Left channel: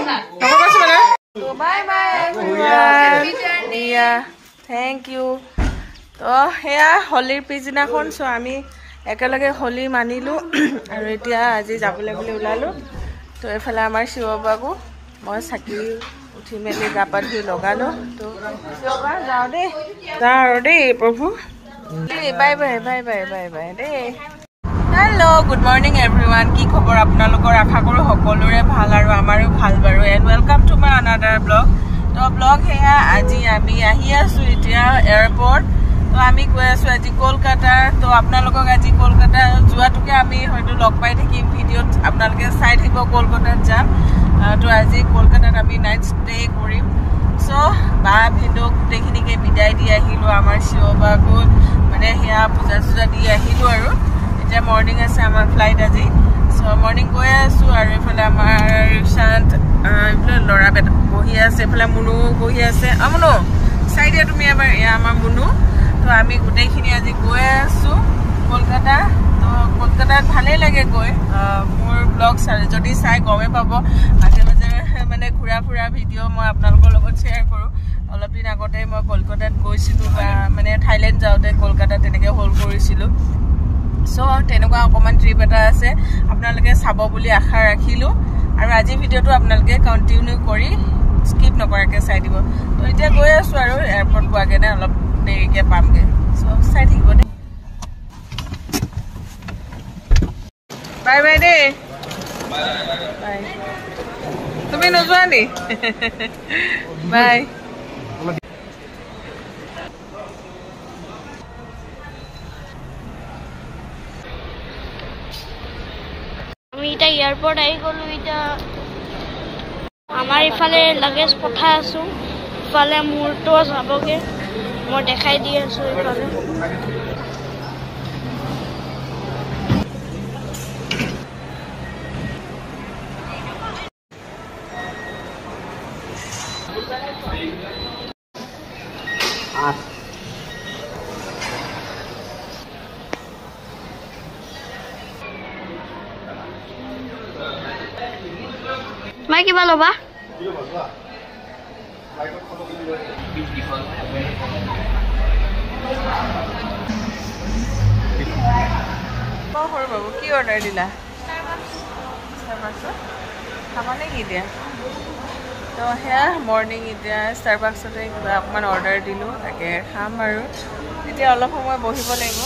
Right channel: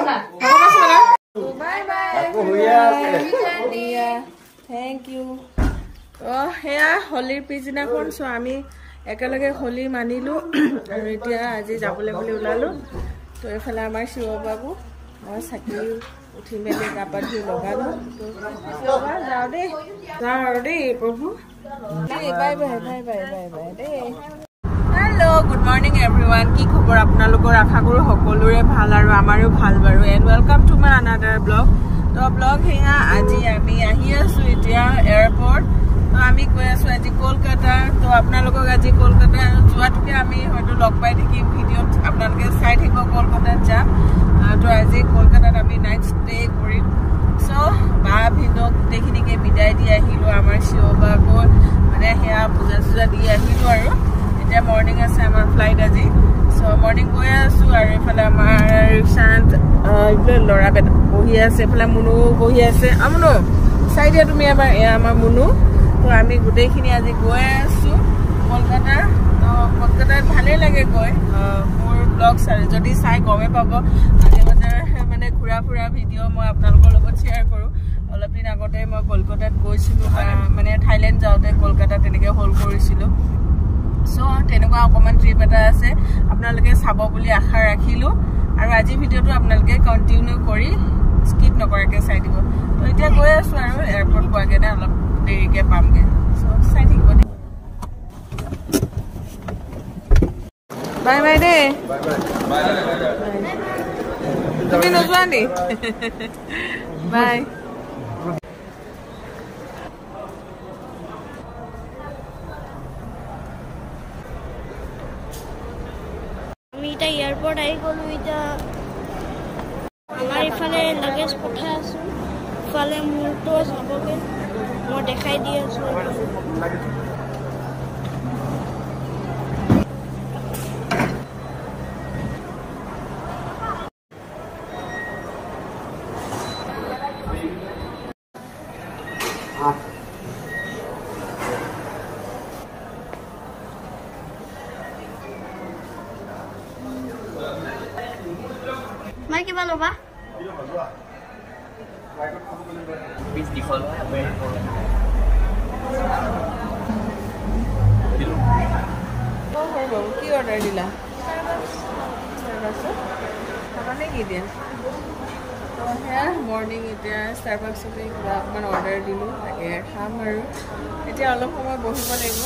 Bye bye everyone. Yeah, thank you. তো হেয়া হলিৰ পিছদিনাখন চ' আমি একেলগে হলি মানিলোঁ আৰু এতিয়া আজি যাবলৈ বুলি ওলালোঁ। তো এইফালে আমাৰ শিৱবাকো মই চাকি উঠি মেলি গা পা ধুই লগালোঁ। তো শিৱবা যাওঁ দেই, যাওঁ আৰু দেই প্ৰভু। Bye bye bye bye bye bye দেই। Hello' good morning everyone. কি খবৰ আপোনালোকৰ? আশা কৰোঁ সকলোৰে ভাল আৰু আমাৰো ভাল বাৰু। And welcome to my another blog. তো ব্লগ সেয়া আজি আমি আহি আছোঁ এতিয়া এয়াৰপৰ্ট। তো আমি গৈ আছোঁ আজি কলকাতা। তো আপোনালোকক আজি কলকাতা যোৱাটোকে আমি হয়তো লগ পাই থাকিম ভিডিঅ'ত, আপোনালোকে চাই থাকিব কলকাতাত যাম। তো আজি কলকাতাত আমি নাইট ষ্টে কৰিম। চ' বা ভিনদেউক গোটেইখিনিকে বিদায় দি আহিলোঁ। আমাৰ শিৱবাকো মানে সেয়া পূজা চূজা দি আহিলোঁ আৰু এতিয়া মৰ্ণিং আছে আমাৰ ফ্লাইট আজি। চ' মৰ্ণিং গৈ আছোঁ আৰু এইফালে আমাৰ শান্ত এইফালে ল'ৰা বহি আছে, এইফালে মুনু বহি আছে। মুনু চাই দিয়া তুমি এবাৰ, এয়া আমাৰ মুনু। তো আমি গোটেইখিনি আজি গৈ আছোঁ কলকাতা। তো কলকাতাত ভালেই লাগে গৈ। মোৰ ব্লগ যদি চাই গমেই পাব, মাজে মাজে মানে ঘূৰা ফুৰা ভিডিঅ' মই আপোনালোকৰ লগত শ্বেয়াৰ কৰোঁ। অলপ দিন আগতে মই কলকাতাত গৈছিলোঁ, বা মানে থাইলেণ্ড যাওঁতে কলকাতাত তেনেকৈ হল্ড কৰিছিলোঁ। চ' তেনেকুৱা অকণমান ট্ৰিপ এটা আছে, আপোনালোকে চাব বুলি আশা ৰাখিলোঁ। আৰু আজি ভিডিঅ'টো আপোনালোকে কণ্টিনিউ কৰি স্কিপ নকৰাকৈ চাই দিব। তো এতিয়া গৈ আছোঁ আৰু এয়াৰপৰ্ট পোৱাকৈ নে অলপ দেৰিকৈ পামগৈ। চ' চাই থাকিব দেই। বাই বাই দেই। বাই। তুমি নোযোৱা নি? বাই। আমি এতিয়া এয়াৰপৰ্ট আহি গ'লোঁ। এতিয়া আমাৰ ইফালে লাগেজ পঠাই আছোঁ, ইফালে মোৰতো যাবগৈ। মই দেখাই দি আছোঁ ইফালে। মই কিবা ল'বা? সৰু বাবু কি অৰ্ডাৰ দিলা? ষ্টাৰবাক্সত খাবা নে কি এতিয়া? তো সেয়া মৰ্ণিং এতিয়া ষ্টাৰবাক্সতে কিবা অকণমান অৰ্ডাৰ দিলোঁ, তাকে খাম আৰু এতিয়া অলপ সময় বহিব লাগিব।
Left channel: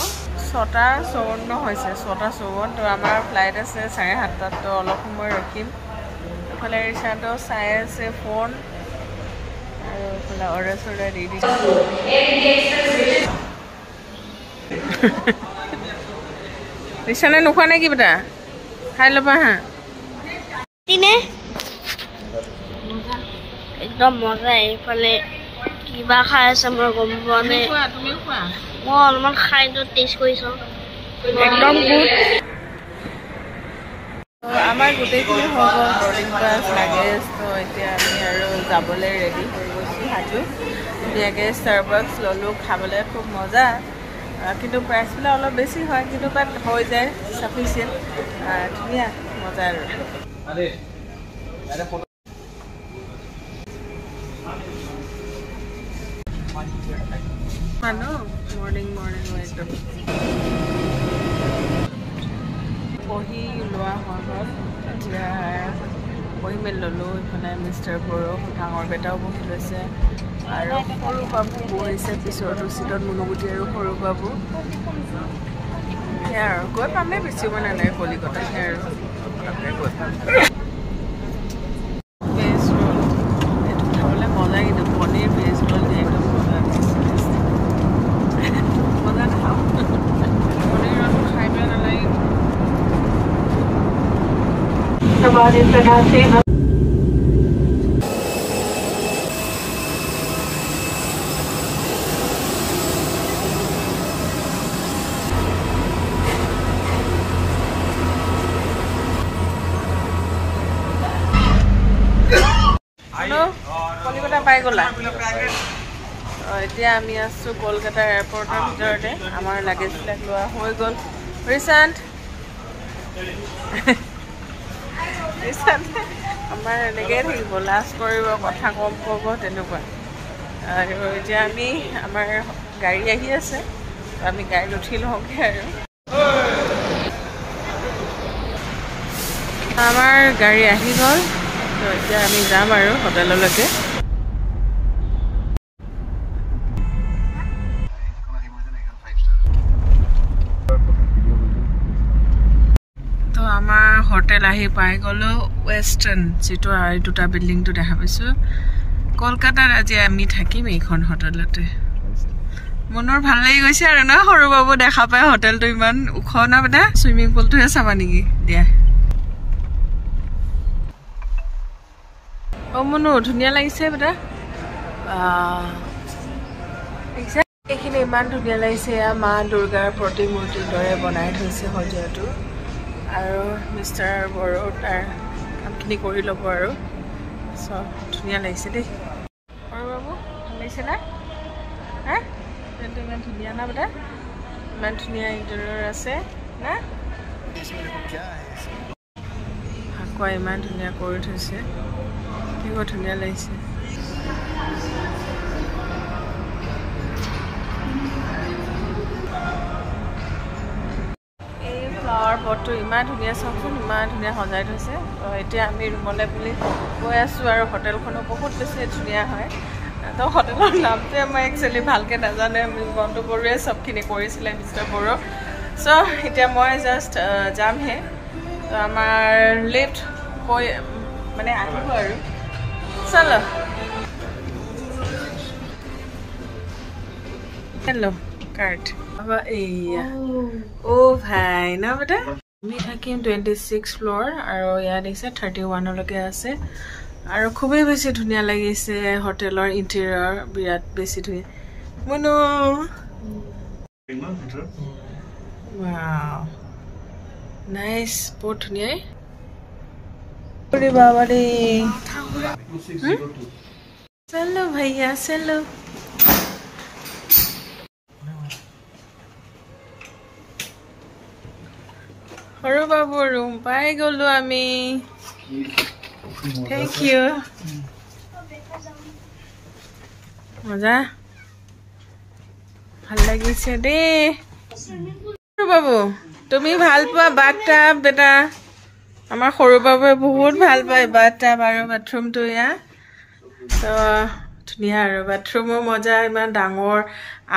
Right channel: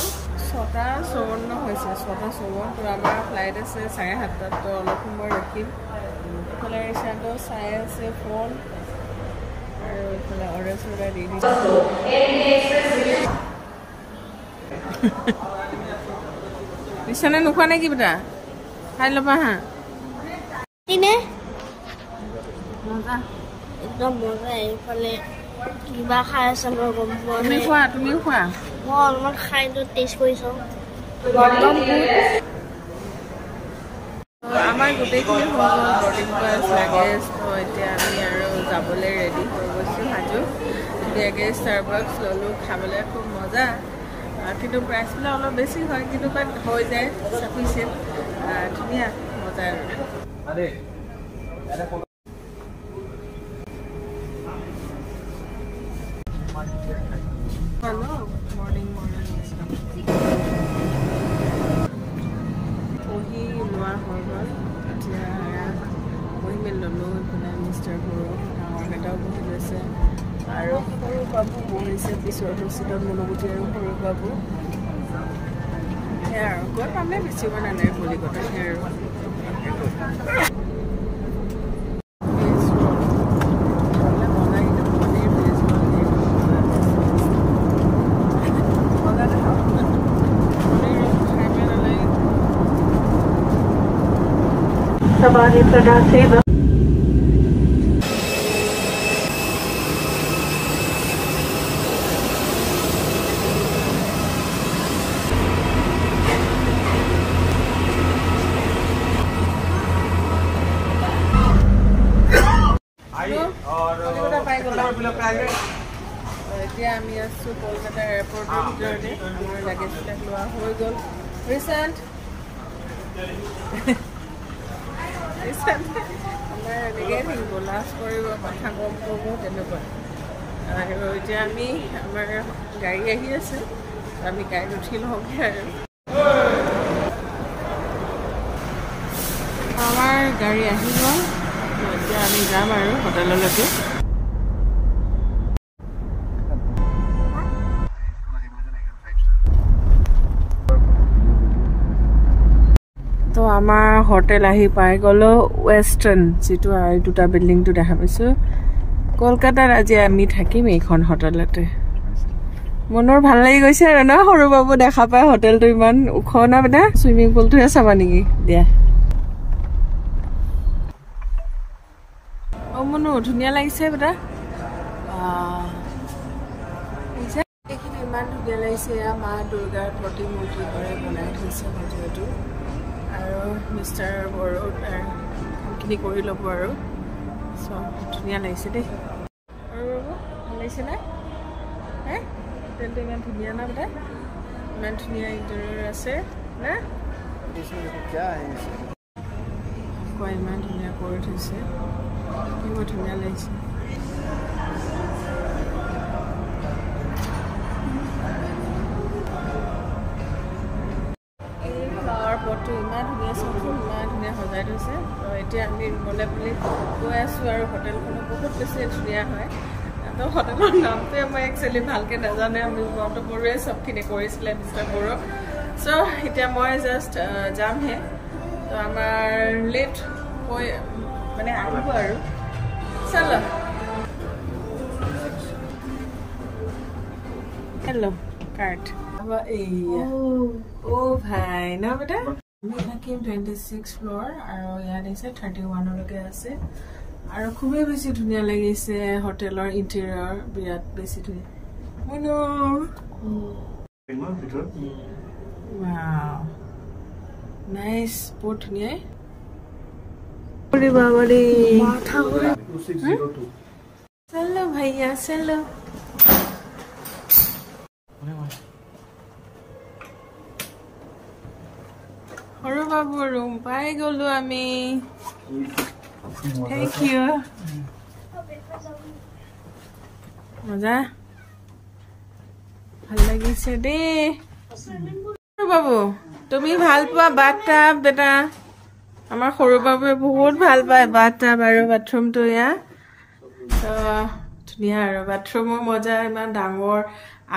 6:54 হৈছে, 6:54। তো আমাৰ ফ্লাইট আছে 7:30। তো অলপ সময় ৰখিম। এইফালে ৰিচাৰ্ডো চাই আছে ফোন, আৰু এইফালে অৰ্ডাৰ চৰ্ডাৰ দি দিছোঁ। ৰিচানে নোখোৱা নে কিবা খাই ল'বা হা। মজা, একদম মজা। এইফালে কিবা খাই আছে মই গম পোৱা নাই। তুমিও খোৱা। মই অলপমান খাইটো টেষ্ট কৰিছোঁ, একদম গুড। আমাৰ গোটেইখিনি হৈ গ'ল, বৰ্ডিং পাছ লাগেজ। তো এতিয়া আমি আৰু যাবলৈ ৰেডি হৈ গৈছোঁ সাজু। ধুনীয়াকৈ ষ্টাৰবাক্স ল'লোঁ, খাবলৈ খুব মজা। কিন্তু প্ৰাইচবিলাক অলপ বেছি হয়, কিন্তু বাট হৈ যায় চাফিচিয়েণ্ট। ধুনীয়া মজা আৰু মৰ্ণিং একদম বহি লোৱা হৈ গ'ল। এতিয়া বহি মেলি ল'লোঁ। এইফালে মিষ্টাৰ বড়ো ডাঙৰ বেটাও বহি লৈছে, আৰু সৰু বাবু বহিছে পিছৰটো চিটত, মুনুগুটি আৰু সৰু বাবু। সেয়া আৰু গৈ পামেই, বেছি সময় নালাগে কলিকতা। সেয়া আৰু পটককৈ গৈ পাম। ভেজ ৰোল এইটো খাবলৈ মজা, কিন্তু পনীৰ ভেজ ৰোল দিয়ে একদম মজা, মজা নাখাওঁ। পনীৰ ৰোলটো খাই পেলাই নালাগে। কলিকতা পাই গ'লা? এতিয়া আমি আছোঁ কলকাতা এয়াৰপৰ্টৰ ভিতৰতে। আমাৰ লাগেজবিলাক লোৱা হৈ গ'ল। ৰিচান্ত আমাৰ এনেকৈ থাকিব, লাজ কৰিব, কথা কম ক'ব, তেনেকুৱা। আৰু এতিয়া আমি আমাৰ গাড়ী আহি আছে, তো আমি গাড়ীত উঠি লওঁগৈ আৰু। আমাৰ গাড়ী আহি গ'ল, তো এতিয়া আমি যাম আৰু হোটেললৈকে। তো আমাৰ হোটেল আহি পাই গ'লো, ৱেষ্টাৰ্ণ, যিটো এই দুটা বিল্ডিংটো দেখা পাইছোঁ। কলকাতাত আজি আমি থাকিম এইখন হোটেলতে। মনৰ ভাল লাগি গৈছে আৰু ন, সৰু বাবু দেখা পাই। হোটেলটো ইমান ওখ ন বেটা। চুইমিং পুলটোহে চাবা নেকি? দিয়া। অ মনো, ধুনীয়া লাগিছে বেটা। এইখিনি ইমান ধুনীয়া লাগিছে। এয়া মা দুৰ্গাৰ প্ৰতিমূৰ্তিৰ দৰে বনাই থৈছে সজোৱাটো। আৰু মিষ্টাৰ বড়ো তাৰ কামখিনি কৰি ল'ব আৰু। চ' ধুনীয়া লাগিছে দেই। সৰু বাবু ভাল লাগিছে না? হা, হোটেলটো ইমান ধুনীয়া না বেটা? ইমান ধুনীয়া ইণ্টেৰিয়ৰ আছে না? ভাকুৱা ইমান ধুনীয়া কৰি থৈছে, বৰ ধুনীয়া লাগিছে। এই ফ্লাৱাৰ পটটো ইমান ধুনীয়া, চাওকচোন ইমান ধুনীয়া সজাই থৈছে। তো এতিয়া আমি ৰুমলৈ বুলি গৈ আছোঁ আৰু হোটেলখনো বহুত বেছি ধুনীয়া হয়। তো হোটেলৰ নামটোৱে মই একচুৱেলি ভালকৈ নাজানো। মণ্টু বড়োৱে চবখিনি কৰিছিলে, মিষ্টাৰ বড়ো। চ' এতিয়া মই জাষ্ট যামহে। তো আমাৰ লিফ্ট কৈ মানে আহিব আৰু। চলো। হেল্ল' কাৰ্ড এইয়া। অ' ভাই ন বেটা, আমি থাকিম 26 ফ্ল'ৰ আৰু ইয়াত দিছে 31লৈকে আছে। আৰু খুবেই বেছি ধুনীয়া লাগিছে হোটেলৰ ইণ্টেৰিয়ৰ, বিৰাট বেছি ধুনীয়া। মনো ৱাও, নাইচ, বহুত ধুনীয়াই। বাবাৰে, চলো ভাইয়া চলো। সৰু বাবু ৰুম পাই গ'লো আমি। Thank you. মজা, ভাল লাগিছে দেই। সৰু বাবু তুমি ভাল পোৱা বাথটাব বেটা? আমাৰ সৰু বাবুৱে বহুত ভাল পায় বাথটাব আৰু বাথৰুমটো। এয়া তো ধুনীয়া আৰু বাথৰুমৰ মজা, ইমান ডাঙৰ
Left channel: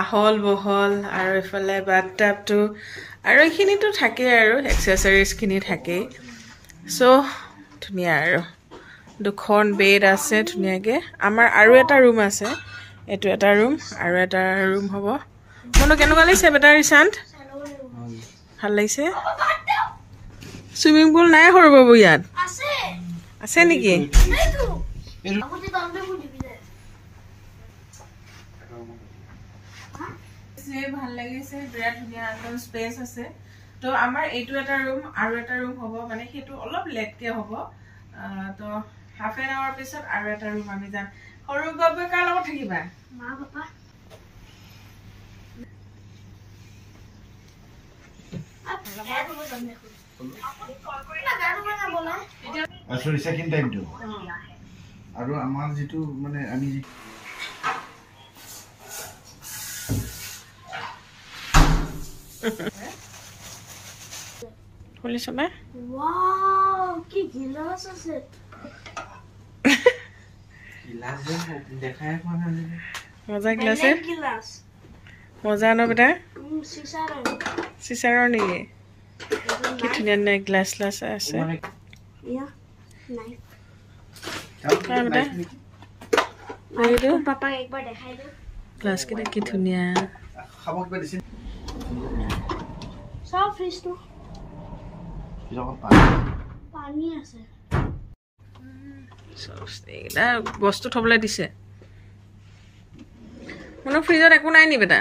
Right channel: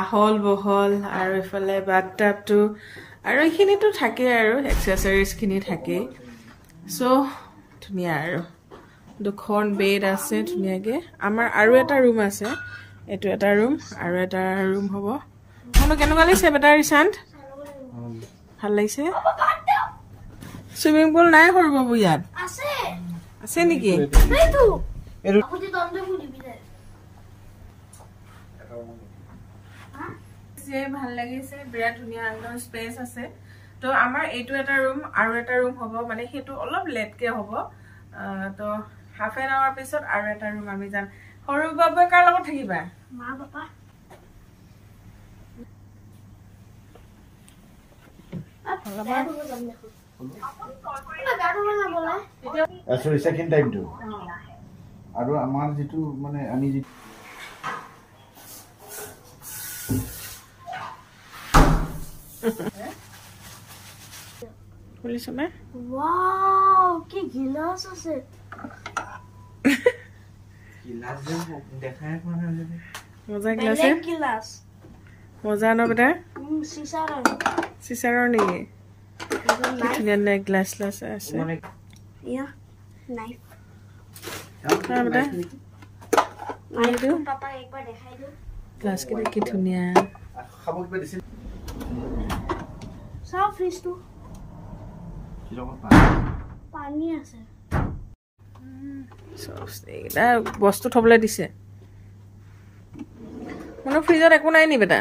আহল বহল। আৰু এইফালে বাথটাবটো আৰু এইখিনিতো থাকেই আৰু এক্সেছৰিজখিনি থাকেই। চ' ধুনীয়া আৰু দুখন বেড আছে ধুনীয়াকৈ। আমাৰ আৰু এটা ৰুম আছে, এইটো এটা ৰুম আৰু এটা ৰুম হ'ব। মনো কেনেকুৱা লাগিছে বেটা ৰিচান্ত? ভাল লাগিছে। চুইমিং পুল নাই সৰু বাবু ইয়াত? আছে নেকি? ভাল লাগিছে, বিৰাট ধুনীয়া একদম স্পেচ আছে। তো আমাৰ এইটো এটা ৰুম আৰু এটা ৰুম হ'ব, মানে সেইটো অলপ লেটকে হ'ব। তো হাফ এন আৱাৰ পিছত আৰু এটা ৰুম আমি যাম। সৰু বাবুৱে কাৰ লগত থাকিবা? মা পাপা। আৰু আমাৰ যিটো মানে আমি খুলিছো নে? ওয়াও, কি গিলাস আছে। গিলাস দেখাই পোৱা নাই। মজা গ্লাছ, গিলাস মজা ন বেটা? চিচাৰৰ। চিচাৰৰ নেকি? কি ধুনীয়া ধুনীয়া গ্লাছ গ্লাছ আছে। ইয়া নাইফ। বেটা এইটো পাপাক একবাৰ দেখাই দিওঁ। গ্লাছকেইটা কি ধুনীয়া। খাব কিবা দিছিল? চাও ফ্ৰিজটো, পানী আছে। এইকেইটা বস্তু থবলৈ দিছে। মানে ফ্ৰিজত একো নাই নি বেটা?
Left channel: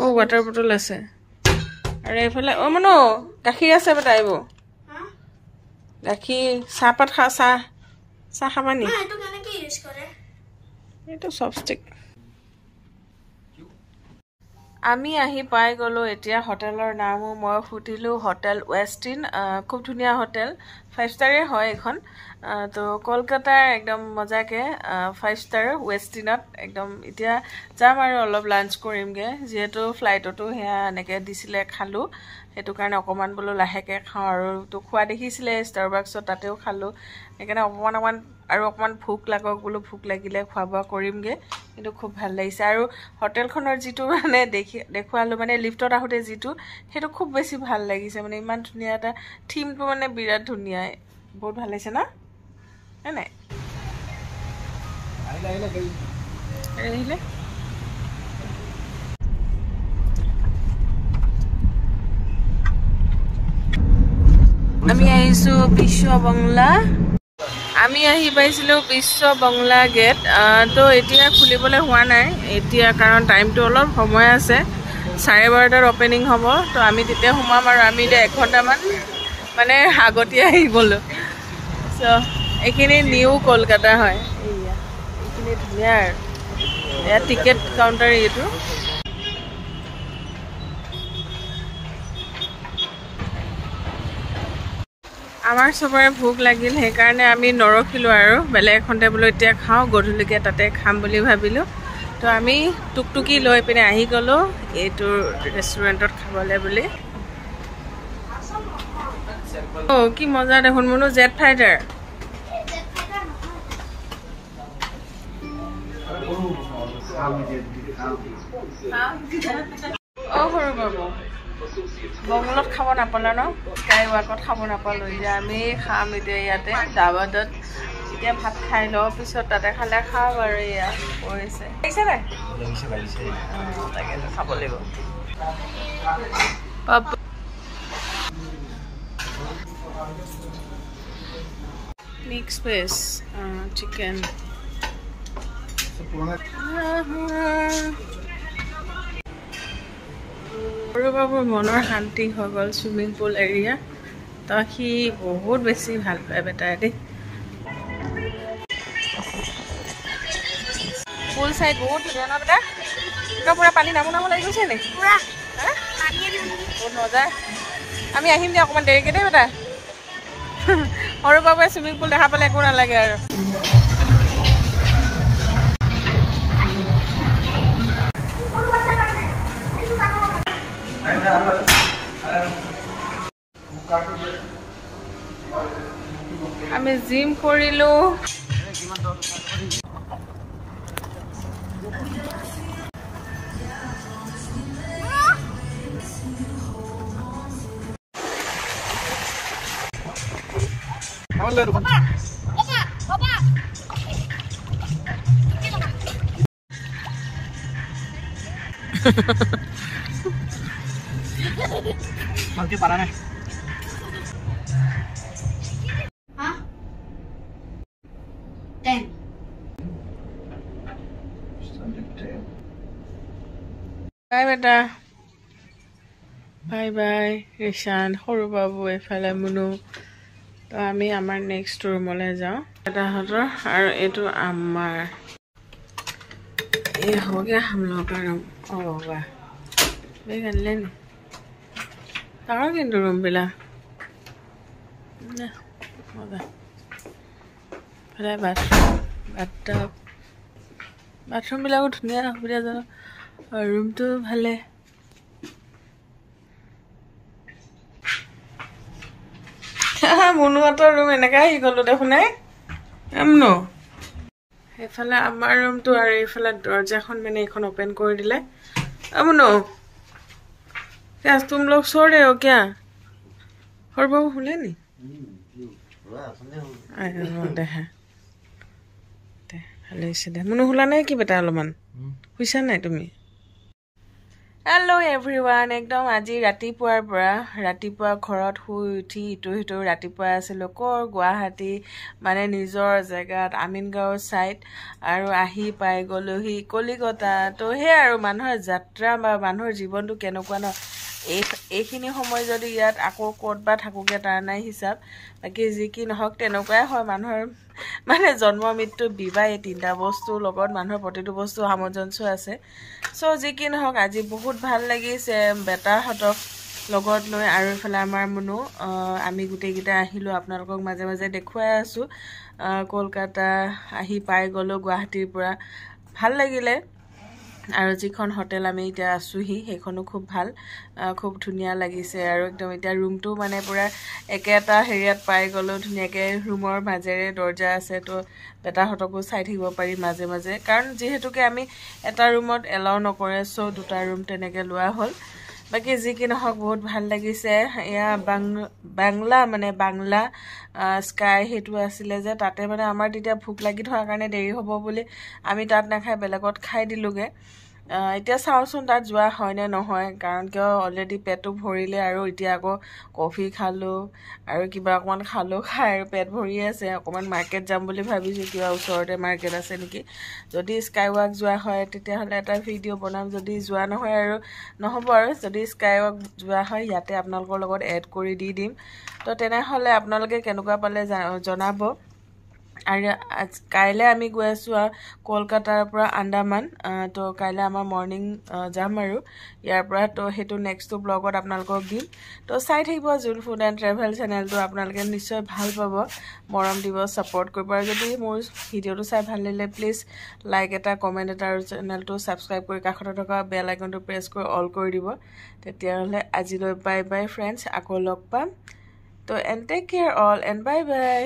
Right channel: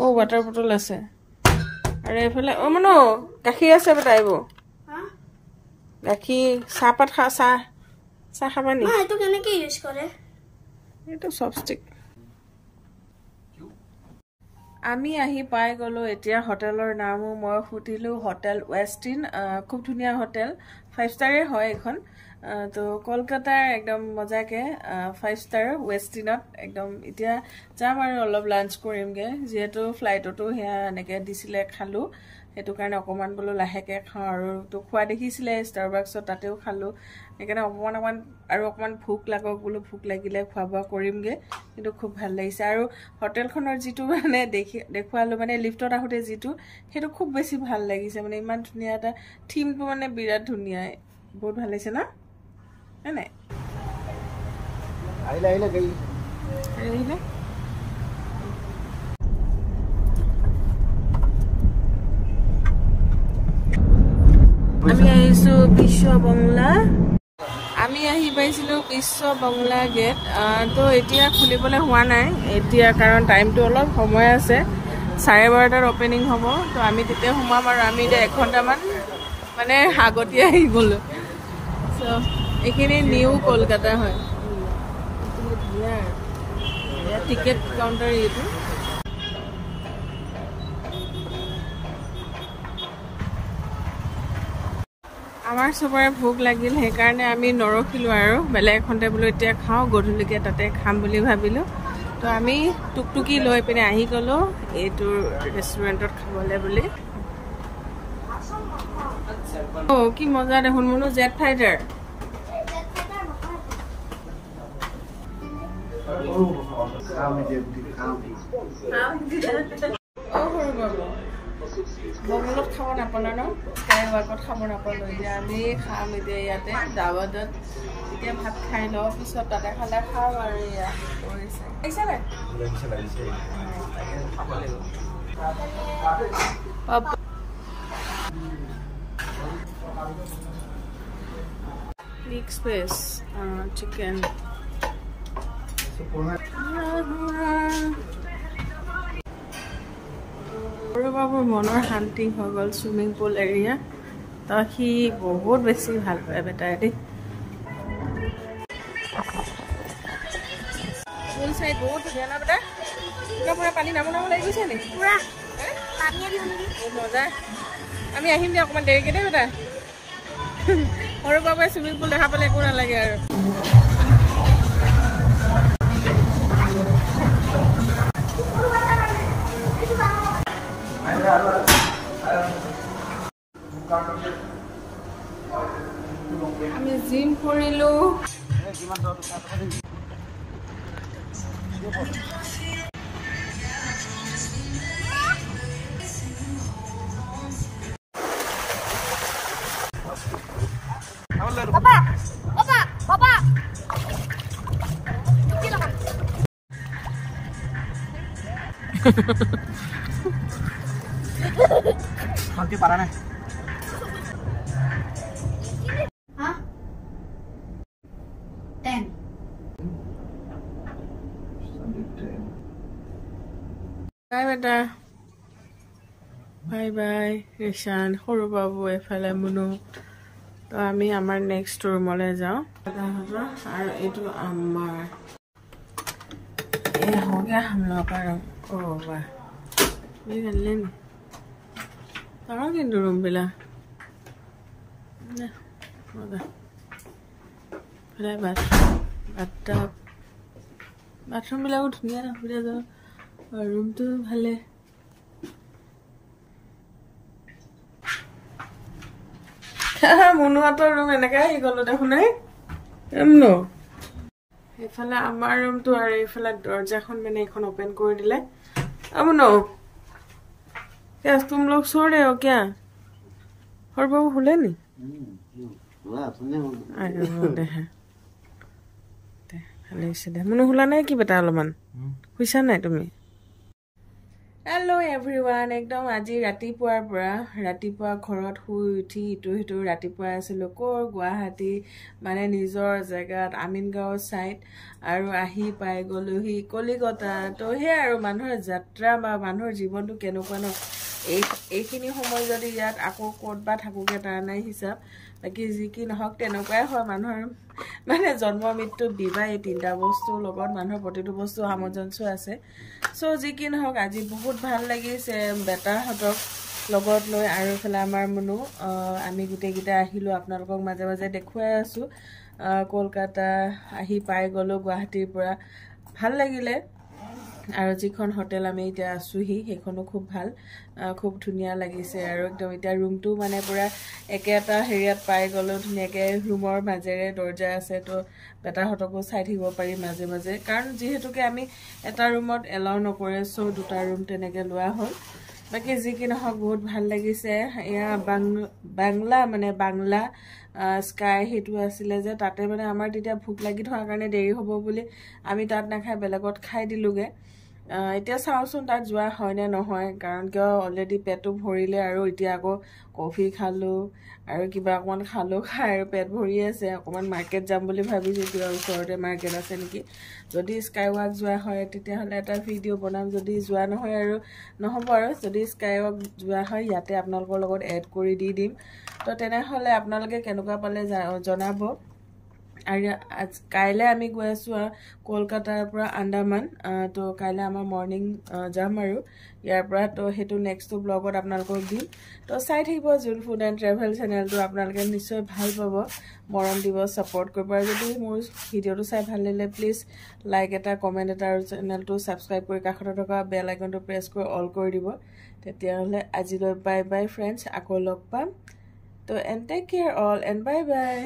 অ' ৱাটাৰ বটল আছে। আৰু এইফালে অ' মনো গাখীৰ আছে বেটা। এইবোৰ গাখীৰ, চাহপাত চাহ খাবা নি? এইটো কেনেকৈ ইউজ কৰে? এইটো চপষ্টিক। আমি আহি পাই গ'লো এতিয়া হোটেলৰ নামো মই সুধিলোঁ, হোটেল ৱেষ্টিন। খুব ধুনীয়া হোটেল। 5 ষ্টাৰে হয় এখন তো কলকাতাৰ একদম মজাকে 5 ষ্টাৰ ৱেষ্টিনত একদম এতিয়া যাম আৰু অলপ লাঞ্চ কৰিমগে যেহেতু ফ্লাইটতো হেয়া এনেকৈ দিছিলে খালোঁ সেইটো কাৰণে অকণমান বোলো লাহেকৈ খাওঁ আৰু তো খোৱা দেখিছিলে ষ্টাৰবাক্সত তাতেও খালোঁ সেইকাৰণে অকণমান ভোক লাগক বোলো ভোক লাগিলে খোৱা বোৱা কৰিমগৈ কিন্তু খুব ভাল লাগিছে আৰু হোটেলখনৰ যিটো মানে দেখুৱালোঁ মানে লিফ্টত আহোঁতে যিটো সেইটো খুব বেছি ভাল লাগিছে মানে ইমান ধুনীয়া এটা থিমটো মানে বিৰাট ধুনীয়া বহুত ভাল লাগিছে ন নাই আহিলে আমি আহিছোঁ বিশ্ব বাংলা আমি আহি পাইছিলোঁ বিশ্ব বাংলা গেট তো এতিয়া খুলিবলৈ হোৱা নাই এতিয়া কাৰণ টাইমটো অলপ সময় আছে 12:30 অপেনিং হ'ব তো আমি তেতিয়া সোমাম আৰু আমি এতিয়া 1 ঘণ্টামান মানে আগতীয়া আহি গ'লোঁ চ' এইখিনি নিউ কলকাতা হয় এইখিনি ধুনীয়া আৰু এয়া টিকেট কাউণ্টাৰ এইটো আমাৰ চবৰে ভোক লাগিল সেইকাৰণে আমি নৰখিলোঁ আৰু বেলেগ এখনতে বোলো এতিয়া খাওঁ গধূলিকৈ তাতে খাম বুলি ভাবিলোঁ তো আমি টুকটুকি লৈ পিনে আহি গ'লোঁ এইটো ৰেষ্টুৰেণ্টত খাবলৈ বুলি কি মজা দেখোন মোনো জেট ফাইটাৰ সৰু বাবু বঙলত খাব নাপালা ন স্কাই ৱাকত খাব নাপালোঁ এতিয়া আমি খাম এতিয়া ইয়াতে দাবাদত এতিয়া ভাত খাই লওঁ পিছত তাতে খালে খাম আৰু এয়া কৰিছে লাগিছে নাই তাকে খাব লাগিব মিক্স ভেজ চিকেন সৰু বাবুৰ মনৰ শান্তি হৈ গ'ল চুইমিং পুল এৰিয়া তো সি বহুত বেছি ভাল পায় বেটাই দেই পুল চাইড বহুত ধুনীয়া ন বেটা একদম পূৰা পানী নামো লাগি গৈছে নি বহুত মজা আমি আহিম দিয়া অকণমান দেৰিকৈ দেই বেটা সৰু বাবুৱে চুইমিং পুল দেখা পালে একো নালাগে আৰু আমি জিম কৰিলোঁ ভালকে পাৰা নাই বাই বেটা বাই বাই ৰিশান সৰু বাবু এফালে মুনু তো আমি আমাৰ নেক্সট ৰুমলৈ যাওঁ বেটাহঁতৰ আৰু এইটো আমাৰ এই हो गया हम लोग का रूम ओ वाह বেগ আনিলে নি ডাঙৰ কিন্তু ৰুমবিলাক মজা বাথৰুমবিলাকো ধুনীয়া সুবিধাজনক আৰু ৰুমটো ভালে মুনুহঁতৰ ৰুম এনেকৈ আহি গ'লোঁ দেখোন মুনু সেইফালে আমাৰ ৰুমটো আৰু এইফালে দৰজাখন মানে এইখন অপেন কৰি দিলে মুনু क्या तुम लोग सो रहे हो क्या और बाबू हुले नहीं मुनु हुला नहीं कि बेटा अलमान हुईसा नहीं तुम्हें हेलो एवरीवन एकदम आज रातिपुৱাৰ পৰা ৰাতিপুৱা ঘৰত শুই উঠি ইটো সিটো ৰাতিপুৱা আছিলোঁ ক'ৰ গুৱাহাটী মানে নিজৰ জেগাত আমিনগাঁও ছাইড আৰু আহি পাই গ'লোহি কলিকতা তো সেই আৰু মানুহৰ যাত্ৰা বা মানুহৰ জীৱনটো কেনেকুৱা ন এইখিনি সময় যদি ইয়াত আকৌ ক'ত বা থাকোঁগৈ তাৰ নাই হিচাপ বাকী যি কি নহওক তেনেকুৱাই হয় মানুহৰ মানে জন্ম মৃত্যু বিবাহ এই তিনিটা বস্তুৰ লগত মানুহৰ প্ৰতিটো বস্তু সামঞ্জস্য আছে চ' যি কি নহওক আজি বহুত ভাল লাগিছে বেটাহঁতক লগত লৈ আৰু এফালে আমাৰ মুনু আমি গোটেইকেইটা আহিলোঁ আপোনালোকক মাজে মাজে দেখুৱাই আছোঁ কলকাতা আহি পাই গ'লোঁ গুৱাহাটীৰ পৰা ভাল লাগিলে আৰু যিখন হোটেল আমি এতিয়া আছোঁহি সেইখনো খুব ভাল খুব ধুনীয়া লাগিছে আৰু একদম এতিয়া ৰুমটো মানে পূৰা একেটা হেৰিয়াত পাই গ'লোঁ ধুনীয়াকৈ ৰুমৰ মাজেৰে দৰ্জা আছে তো বেটাহঁতকো চাই থাকিব পাৰি মাজে মাজে কাৰণ যিহেতুকে আমি এটা ৰুমত এলাউ নকৰে চ' দুটা ৰুম তেনেকৈ লোৱা হ'ল বাকী যি কি নহওক বহুত ভাল লাগিছে এয়া বাংলা স্কাই সেইটো আছিলে যে তাতে মানে আমাৰ তেতিয়া ভোক লাগি থকাৰ কাৰণে দেৰি হ'ব বুলি আমি তাত নাখাই বেলেগত খাই দিলোঁগৈ এতিয়া চাওঁচোন তাত যোৱা হয়নে নহয় কাৰণ কিয় অলৰেডি পেটটো ভৰিলে আৰু এতিয়া আকৌ কফি খালোঁ আৰু কিবা অকণমান খালোঁ খাই আৰু পেট ভৰি আছে অকণমান মাৰ্কেট যাম বুলি ভাবিছোঁ কিবা ওচৰতে মাৰ্কেট আছে নেকি যদি স্কাই ৱাক যোৱা হয় তেতিয়াহ'লে এটা ভিডিঅ' বনাম যদি যোৱা নহয় আৰু নহ'ব আৰু যদি স্কাই ৱাক যোৱা হয় ইয়াতে আপোনালোকৰ লগত এড কৰি দি দিম তো তেনেহ'লে আপোনালোকে কেনেকুৱা পালে জনাব আৰু কাইলৈ আমি গৈ আছোঁ কলকাতাৰ পৰা আন্দামান তো কাইলৈ আমাৰ মৰ্ণিং যাম আৰু ইয়াৰ পৰা তো সেইটো নেক্সটটো ব্লগত আপোনালোকক দিম তো চাই থাকিব জুন ফুড এণ্ড ট্ৰেভেল চেনেলটো আপোনালোকে নিশ্চয় ভাল পাব মৰম দিব ছাপৰ্ট কৰিব আৰু যদি মোৰ ভিডিঅ'টো চাই ভাল লাগিলে প্লিজ লাইক এটা কমেণ্ট এটা আৰু চেনেলটো ছাবস্ক্ৰাইব কৰি কাষতে থকা বেল আইকনটো প্ৰেছ কৰি অল কৰি দিব তেতিয়াহ'লে আজিলৈ বাই বাই ফ্ৰেণ্ডছ আকৌ লগ পাম তো and take care all and bye by